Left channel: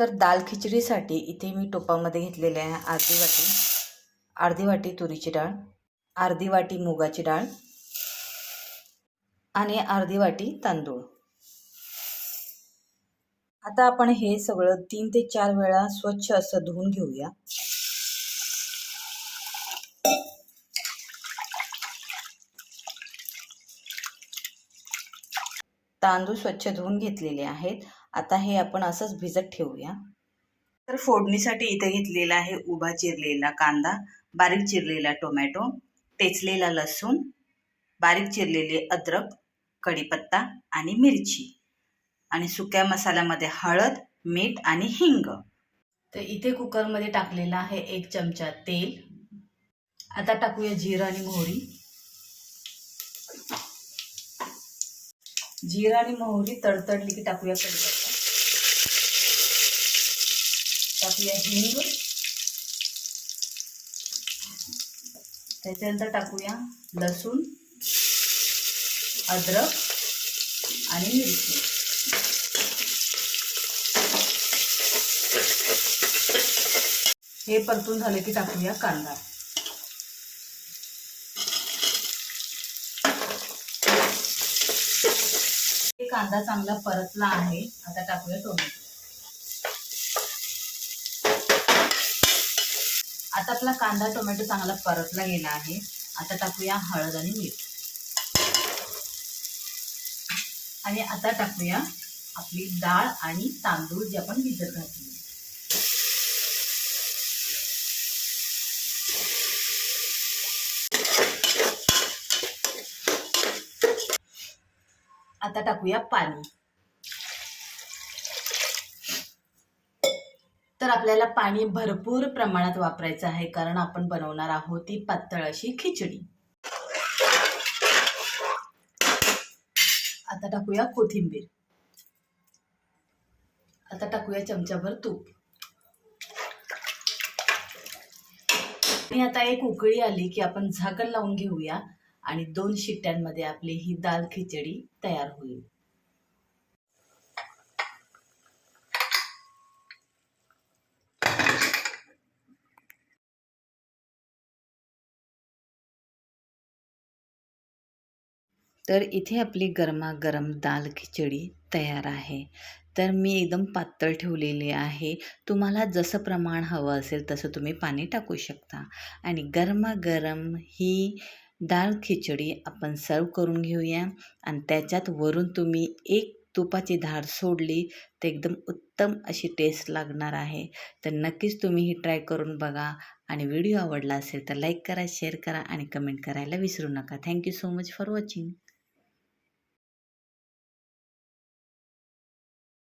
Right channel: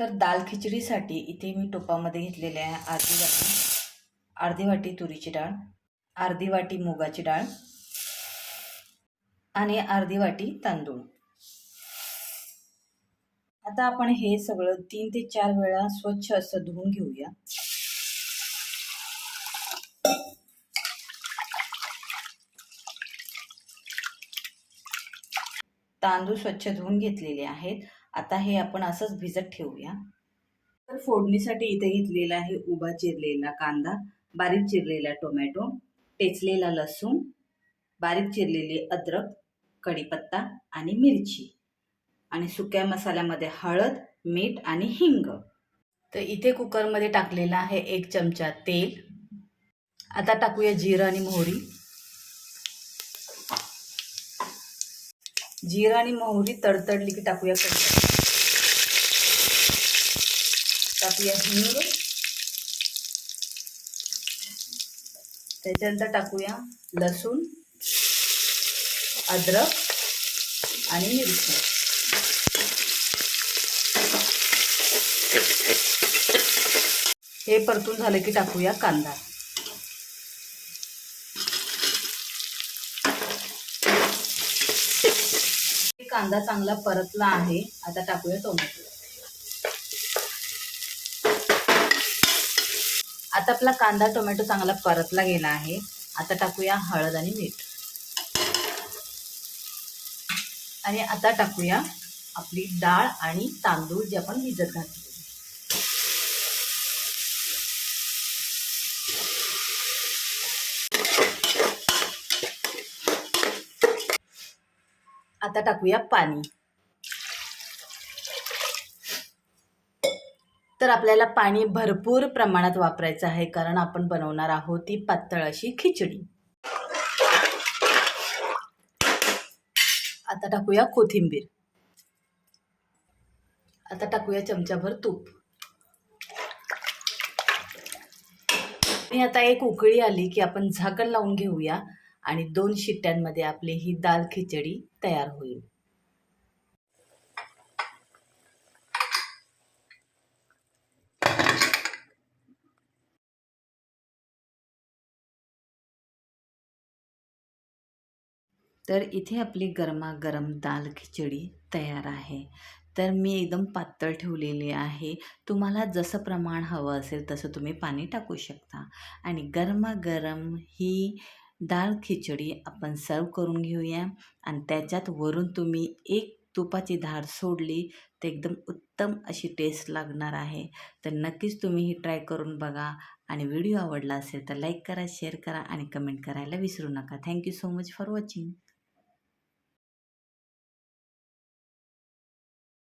तर दाल खिचडीसाठी इथे मी टोपामध्ये घेतलेले आहे अर्धी वाटी तुरीची डाळ, अर्धी वाटी मुगाची डाळ आणि अर्धी वाटी तांदूळ. आता आपण हे सगळं 3 ते 4 वेळा स्वच्छ असं धुवून घेऊया. तांदूळ स्वच्छ धुवून घेतलेले आहेत. आता हे आपण असंच भिजत ठेवूया. तर फोडणीसाठी इथे घेतलेला आहे उभा चिरलेला कांदा, बारीक चिरलेला टोमॅटो, टेचलेला लसूण, बारीक चिरलेली अद्रक, कढीपत्ता आणि मिरची आणि सुक्या मसाल्यामध्ये हळद, मीठ आणि हिंग. तर इथे कुकरमध्ये टाकलेला आहे 1 चमचा तेल. आता टाकूया जिरं आणि मोहरी. जिरं आणि मोहरी तडतडली की टाकूया कढीपत्ता, टाकूया हिंग, त्याच्यानंतर टाकूया लसूण, अद्रक आणि मिरची. हे परतून झाले की टाकूया कांदा. कांदा चांगला परतला आहे. आता टाकूया टोमॅटो. आता आपला कांदा टोमॅटो चांगला परतला गेला आहे. आता टाकूया हळद आणि मीठ आणि आता टाकूया आपली डाळ आणि तांदूळ जे आपण भिजत घातले. आता टाकूया पाणी. तर आपल्याला पाणी भरपूर प्रमाणात वापरायचं आहे कारण आपण बनवणार आहोत ती पातळ अशी खिचडी. आता टाकूया कोथिंबीर. आता टाकूया चमचाभर तूप. आणि आता एक उकळी आली की आपण झाकण लावून घेऊया आणि 2 शिट्ट्यांमध्ये आपली ही दाल खिचडी तयार होईल. तर इथे आपली गरमागरम दाल खिचडी तयार आहे. तर मी एकदम पातळ ठेवलेली आहे. तुम्हाला जसं प्रमाण हवं असेल तसं तुम्ही पाणी टाकू शकता आणि गरमागरम ही दाल खिचडी आपण सर्व करून घेऊया आणि त्याच्यात वरून तुम्ही एक तुपाची धार सोडली तर एकदम उत्तम अशी टेस्ट लागणार आहे. तर नक्कीच तुम्ही ही ट्राय करून बघा आणि व्हिडिओ आवडला असेल तर लाईक करा, शेअर करा आणि कमेंट करायला विसरू नका. Thank you so much for watching.